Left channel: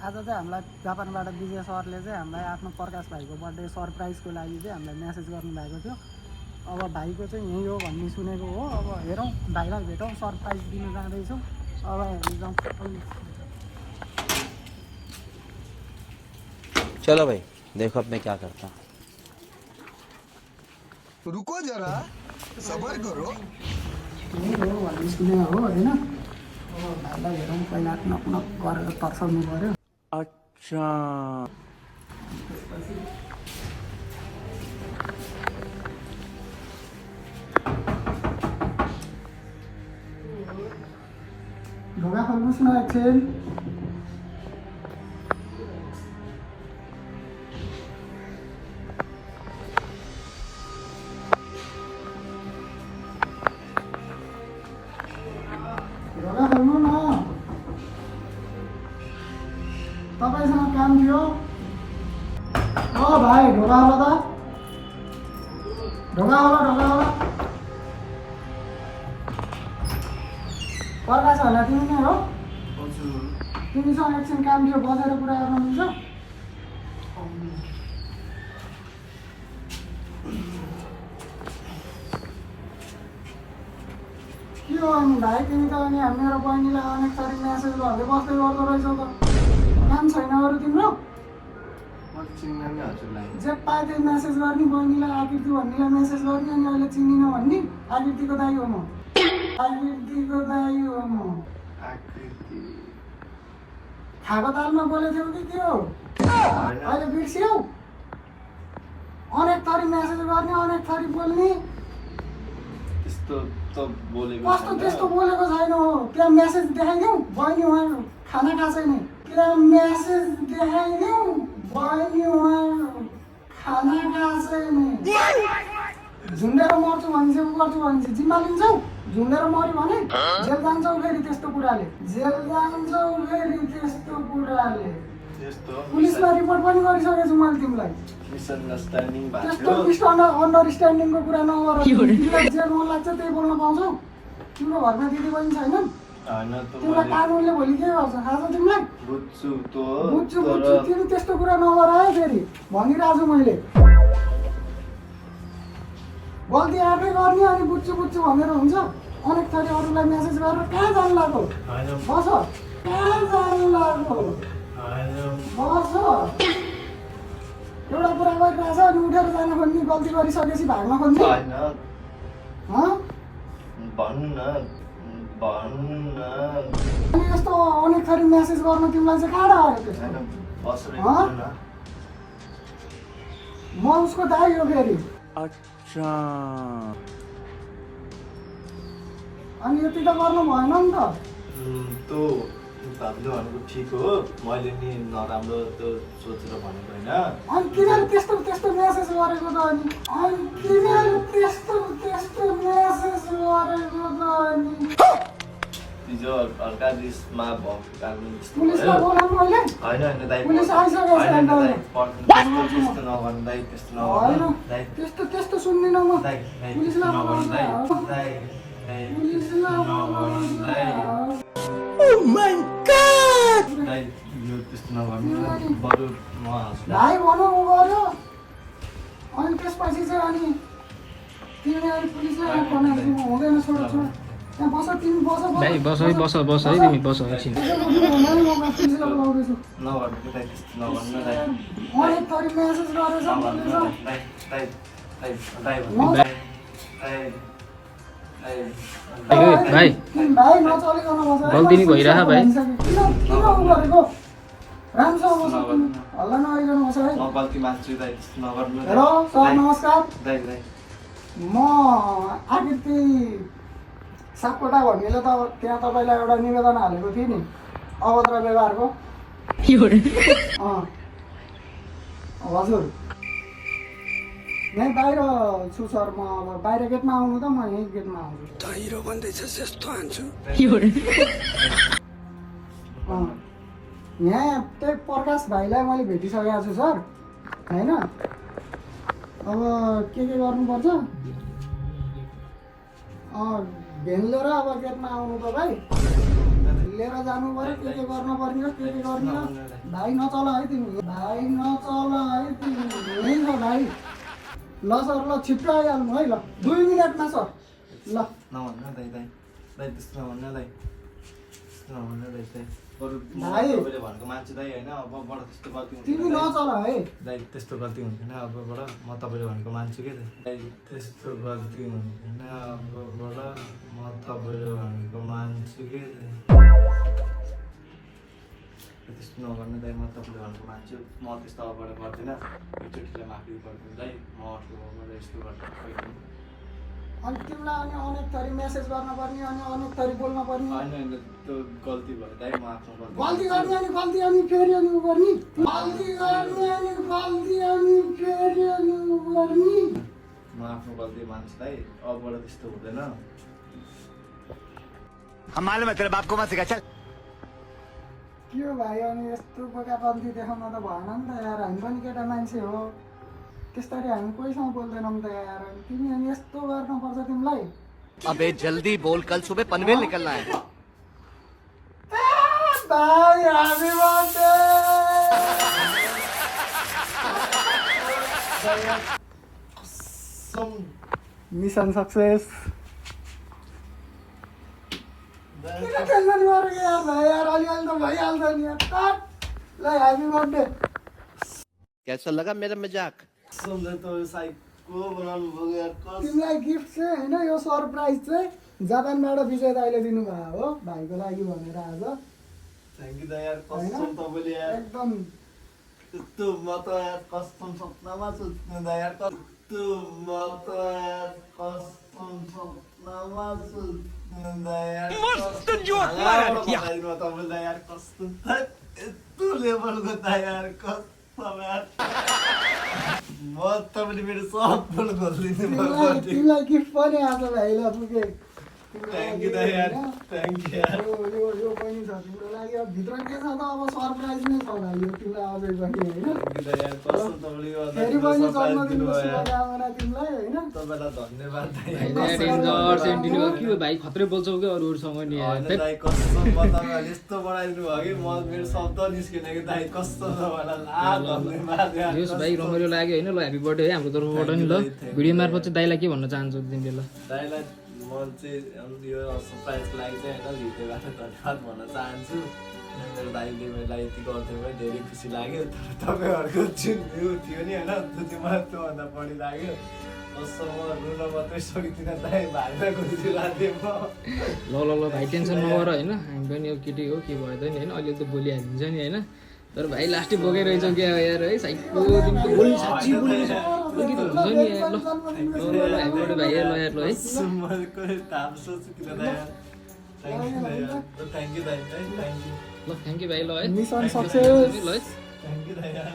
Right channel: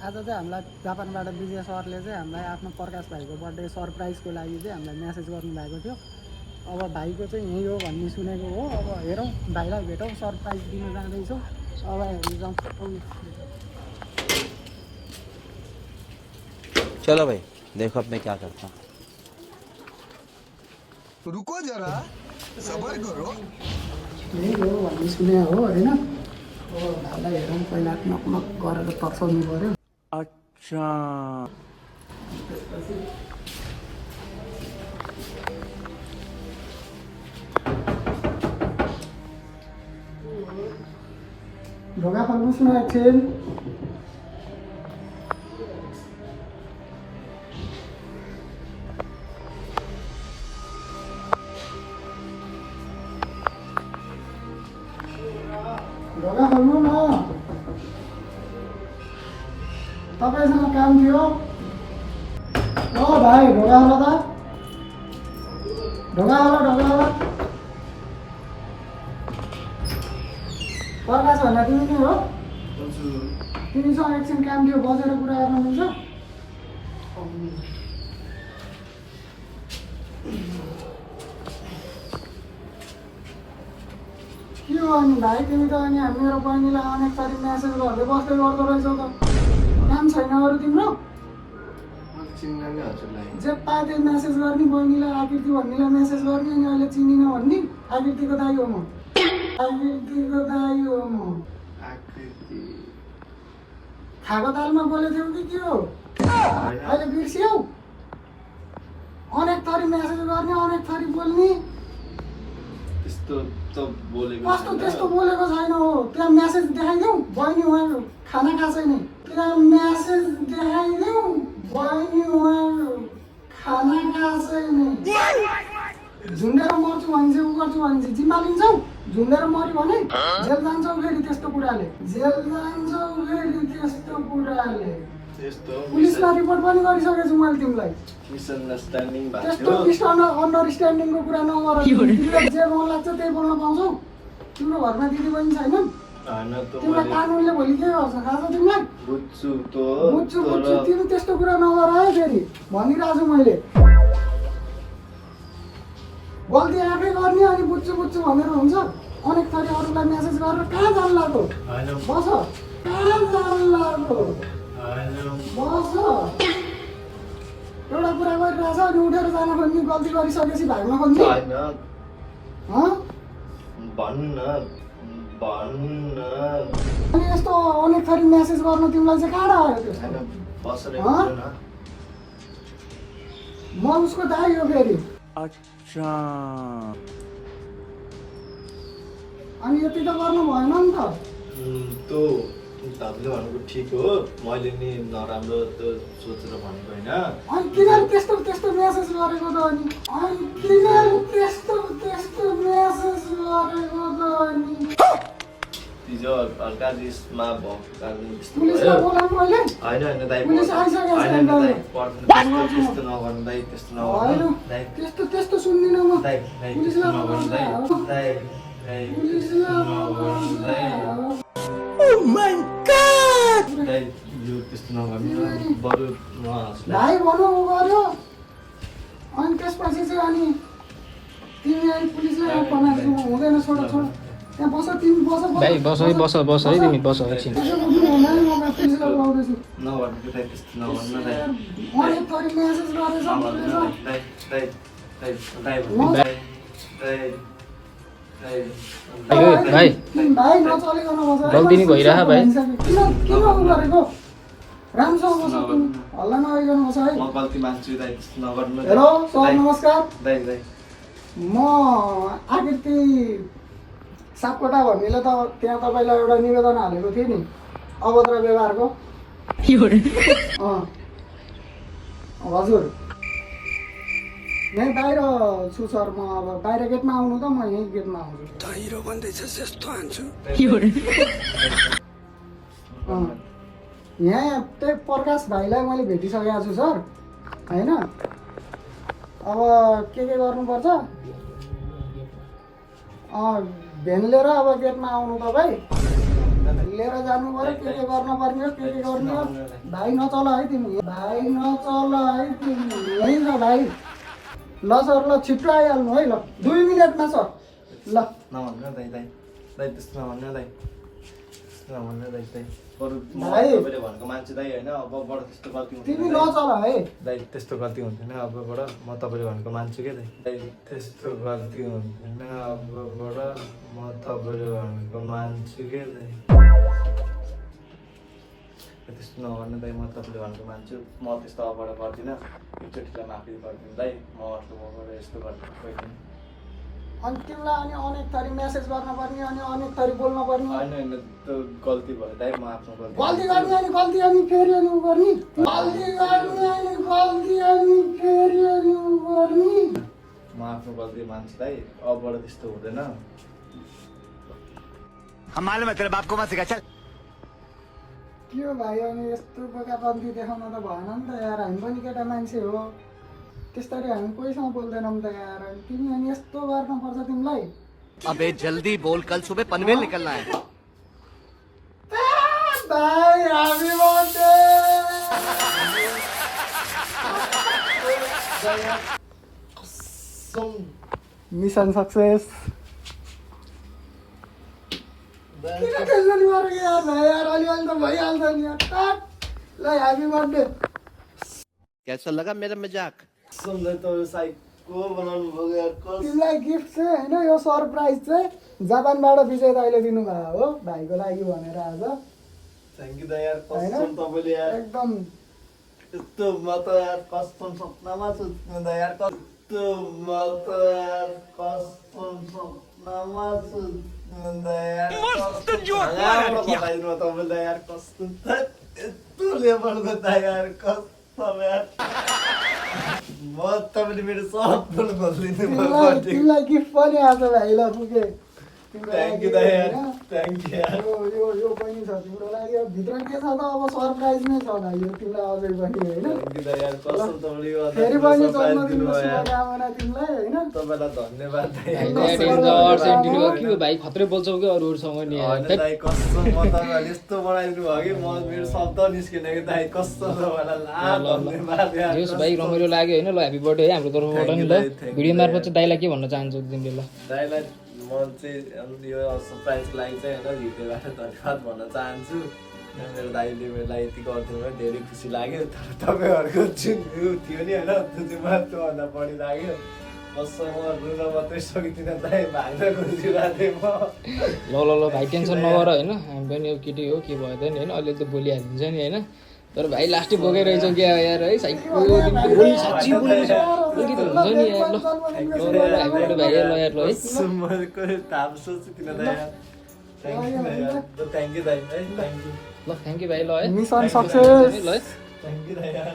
आज चाहिँ हामीलाई जापानबाट विजय सरले चाहिँ हामीलाई आफ्नो प्रकाश भाइको बर्थडे सरप्राइजको लागि चाहिँ हामीलाई मेसेज गर्नुभएको थियो। अब भाइको चाहिँ यही हो भन्ने सुनेको हो। अब हेरौँ भाइलाई भेटौँ, सरप्राइज दिन जाँदैछौँ। अब हेर्नु जाउँ। चलो भाई देखो अब मैं क्या करता हूँ। रुको जरा सबर करो। यही हो भन्ने सुने हो होइन। अब भाइलाई हेरौँ, पहिला नक नक गरेर तर्साउनु पऱ्यो। अच्छा ढोका खोल्नुहोस् न एकछिन। ढोका खोल्नु न, तपाईँसँग काम थियो। ओ भाइ ढोका होला त, ढोका होला। प्रकाश होला तिमी नै हो? तिमीसँग एकछिन काम थियो, बसेर कुरा गर्न मिल्छ? के हो अनि भाइ, तिमी त अनि मेरो बहिनीलाई अनेक थरी म्यासेज गरेर बस्दै गर्दो रहेछौ त। काम छैन अरू तिम्रो? जे पाए त्यही म्यासेज गर्ने, बहिनीलाई आकृति भन्नेलाई म्यासेज गर्ने, अनि अहिले चिनिन भन्ने। आकृतिको दाइ हो म, आकृतिको दाइ हो म। खाएको तालमा बोलेको थियौ कि के हो? अहिले बिर्स्यौ? अनेक थरी म्यासेज गर्ने, अनेक थरी बोल्ने। कस्तो त्यस्तो बोलेको छैन हो। त्यहाँ म्यासेज देखाइदेऊ, बहिनी उहाँ खाना खाएको छैन। त्यहाँ म्यासेज देखाइदेऊ, बहिनी उहाँ खाना खाएको छैन। झुन्डेर मर्छु भनिन्छ, उ गर्छु भनिन्छ, जिम्मा लिन्छौ? झुन्डेर मर्यो भने जेल जान्छौ फेरि त्यस्तो कुराले, जेल जान्छौ फेरि त्यस्तो कुराले। पुलिसमा रिपोर्ट पनि गरिसकेको छु मैले तिमीलाई। त्यस्तो अन्डरस्ट्यान्डिङको कुरा नगर। तिमीलाई जे मन लाग्छ त्यही बोल्न पाउँछौ। तिम्रो घरमा दिदी बहिनी छैनन्? तिमीलाई कानुनले भोलि के गर्छ थाहा छ तिमीलाई? बुझ्छु। तिमी त्यस्तो कुरा नगर है फेरि, भनिरहेछु मैले। गल्ती आफै गर्ने, अनि बुझ्छु भनेर हुन्छ? अनेक थरी अरूलाई मेसेज गरेर कहाँ जानु लाग्यो? बस, कहाँ जानु लाग्यो? बस। एउटा कुरा गरिरहेछ अनि उठेर जान खोज्ने, गल्ती गरिसकेपछि भाग्न खोज्ने। अनि यस्तो अनेक थरी मेसेज गर्न तिमीलाई चाहिँ कहाँ आयो त्यो? म उसको दाइ हो फेरि। अच्छा अनि यति त गर्नु भएन नि त। हामीले भनेको ठिक हो, मैले नि नराम्रो त्यो सोचेर भनेको होइन। अनि किन त्यस्तो मेसेज गरेको त? अनि किन त्यस्तो मेसेज गरेको त? हिजो हल्का रिसमा पुलिसलाई बोलाउनु मैले? होइन दाइ, पुलिस आइसकेको छ। त्यस्तो नगर्नु दाइ, त्यस्तो नगर्नु दाइ, त्यस्तो सुन्दिनँ म। दाइ पुलिसलाई बोलाउनु दाइ, दाइ यो त्यस्तो नगर्नु बरु भाइ भनौँ उ गर्यो। अनि त्यसपछि चाहिँ अनि तिमी अहिले पुलिसलाई बनाएको हुँदैन। छोड त्यहाँ बस, तिमी बस है तिमी बस एकछिन। म पुलिसलाई बोलाउँदैछु। नगर्नु दाइ, त्यस्तो नगर्नु दाइ, अनेक थरी मेसेज गरेछ। भाइ नचलेको गल्ती नि भइरहेछ भाइ। किन उ गरेको? राम्रोसँग बस्नु, हल्ला नगरिकन बस है। म गल्ती मान्छु दाइ, त्यस्तो नगर्नु। हेलो सर नमस्कार, दाइ म आकृति सापकोटा भन्नेले त त्यहाँ तपाईँलाई एउटा निवेदन हालेको थियो नि अभद्र व्यवहारको। हजुर यहीँ बाहिर छु सर। म अब बाहिर गेटमा आउनु त, म यहीँ गेटमा आउँछु। यहाँ त्यही प्रकाश भाइलाई मैले भेटिसकेको छु सर होइन। अब के गर्नुपर्छ? भेन लिएर अब गेटमा आउनु तपाईँ। लिएर जानु पर्यो के गर्न पर्ने हो के गर्ने हो भाइ नचल है तिमी भाइ नचल है तिमी है न भाइ ल सर ल छिट्टो आइहाल्नु है ल 2 मिनेटमा सर ल नभन्नु दाइ दाइ दाइ त्यस्तो नभन्नु दाइ त्यस्तो नभन्नु दाइ दाइ बरु भाइ। तपाईँले भनेको मान्छे दाइ होइन अबबाट त्यस्तो गल्ती तिमी हुँदैन नचल है दाइ त्यस्तो गल्ती हुन्थेन अबबाट म तपाईँले भनेको मान्छु क्या दाइ त्यस्तो गल्ती हुन्थेन अबबाट म तपाईँले भनेको मान्छु क्या दाइ त्यस्तो नगर्नु दाइ म तपाईँले भनेको मान्छु म त्यस्तो अबबाट गर्दिनँ एकचोटिलाई माफी गरिदिनु दाइ म अर्को मबाट यस्तो गर्दिनँ पहिला अनि तिमीलाई अनि अनेक थरी मेसेज गर्न पर्ने अनि अनेक थरी बोल्न पर्ने होइन होइन त्यो गल्ती भयो दाइ म आफ्नो गल्ती गर्ने अनि गल्ती अनि फेरि अनि उ गर्ने गल्ती गर्ने अनि गल्ती अनि फेरि अनि उ गर्ने म आफ्नो गल्ती मान्छु दाइ अबबाट त्यस्तो हुँदैन हम मालूम है तेरे बाप को मत सिखा चल के भाइ अनि यस्तो बोकापन्थी देखाउन त भएन नि त यार हामी पनि केटा मान्छे हो त्यसरी हामी कोहीसँग बोल्दैनौँ त यार अनि तिमी अनि यस्तो गर्नुपर्छ तिमीलाई अबे जल्दी बोल कल सुबह पनवेल निकलना है भाइ ह्यापी बर्थडे मिसन सक्सेस किन टेन्सन गरेको यार भाइ यार अलिअलि त भइहाल्छ नि यार ल ह्यापी बर्थडे कैसा लगा मेरा मजाक सुन्दै त साइको बनाउनु भयो यार तिमीलाई गिफ्ट चाहिँ होइन यो सरप्राइज चाहिँ जापानबाट विजय दाइले दिनुभयो हो भाइको लागि भनेर आज थ्याङ्क यू दाइ यार होइन? कसम तपाईँले यार एकदम त्यस्तो म त यार कसम सपनामा छु दाइ यार कस्तो म त यार कसम सपनामा छु दाइ यार मस्त जोक मारेर तपाईँले यार कस्तो यस्तो लेभलको दाइ यार कसम यार म तपाईँले मेरो सब बोल खोलिदिनु तिमीलाई गिफ्ट पनि आज भाइलाई पुगे थ्याङ्क यू दाइ यार थ्याङ्क यू यार यो पनि छ तिम्रो लागि अब भित्र के छ त अब सरप्राइज नै छ भाइ यो तिमीलाई अझै पनि होइन थ्याङ्क यू दाइ यार कसम तपाईँले यो फेरि पनि सरप्राइज जन्मदिनको दिनुभयो यार शुभकामना तिमीलाई होइन तपाईँलाई धन्यवाद दाइ के हो भाइ खत्रै बोल्छौ क्या अरूहरूसँग नि होइन दाइ कसम म तपाईँहरूले यस्तो बनाइदिनु भयो कि म मेरो शब्द निस्किन कि दाइ कस्तो तपाईँलाई ला धन्यवाद यार यस भाइ रमाइलो लाग्यो होइन ल ह्याप्पी बर्थडे है हाम्रो तर्फबाट नि ल भिडियो मार्फत चाहिँ दाइलाई के भन्न चाहन्छु तिमीले ल दाइलाई म चाहिँ यो सरप्राइजको लागि चाहिँ होइन भिडियोबाट धन्यवाद भन्न चाहन्छु मेरो दाइले मेरो लागि यति गरिदिनु भयो धेरै खुसी लाग्यो तपाईँहरूको जुन भ्यू थियो नि होइन त्यो चाहिँ मलाई त्योभन्दा बढी लाग्यो कसम म रुन मात्रै सकिदिनँ दाइ भाइमा खुसी लाग्यो म ल भाइ टेन्सन नगर होइन हामी पनि यो केटी हो के भयो त नि होइन अलिअलि त बोलिहालिन्छ नि होइन तर भाइ लास्टै बोकेरहेछौ क्या यार है साइको बोल्नु साँच्ची बोल्नु छ के त हुन्छ नि यार ल ह्याप्पी बर्थडे भाइ यार ल यार ल है सुमरको थाहा सोच्दिनँ दाइ यार थ्याङ्क यू दाइ है थ्याङ्क यू ल थ्याङ्क यू भाइ ल है मिसन सक्सेस ल है थ्याङ्क यू दाइ यार